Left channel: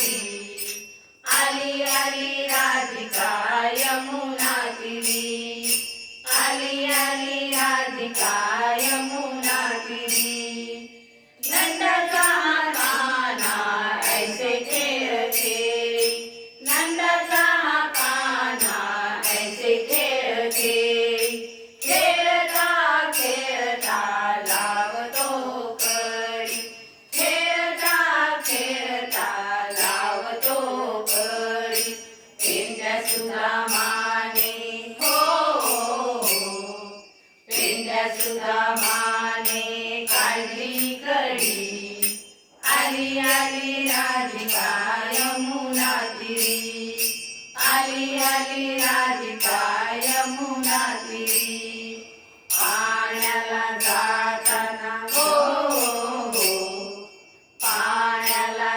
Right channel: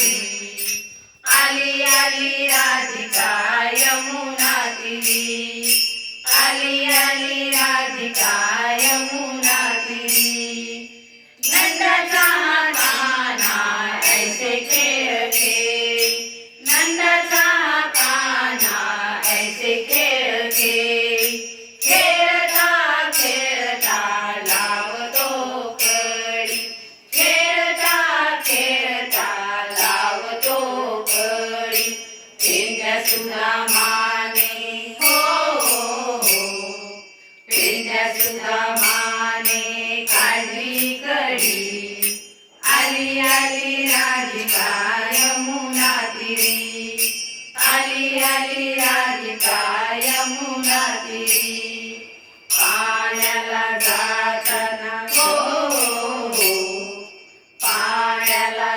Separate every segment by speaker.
Speaker 1: Ali, Ali, Ali. पेंड्या Mane हो, हो, हो. सुद्धा माने काढली कडी आली आली राधिका यमुना तिरी. आली आली राधिका यमुना तिरी. पाण्याला जाताना हो, हो पाण्याला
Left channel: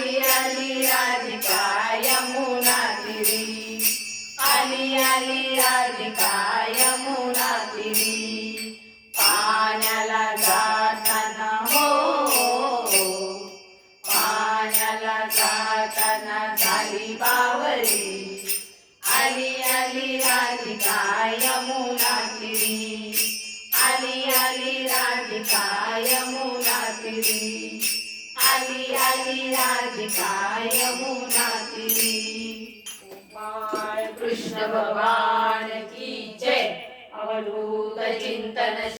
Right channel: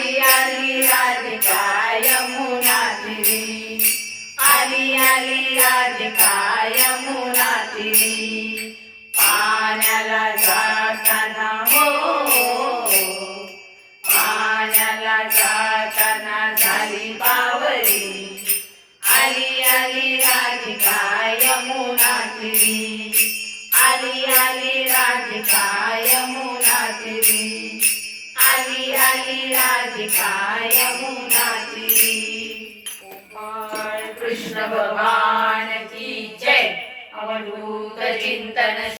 Speaker 1: आली आली राधिका यमुना तिरी. आली आली राधिका यमुना तिरी. पाण्याला जाताना हो पाण्याला जाताना झाली बावरी. आली आली राधिका यमुना तिरी. आली आली राधिका यमुना तिरी. आली आली राधिका यमुना तिरी कृष्ण भगवान की जय? अवधूत चिंतन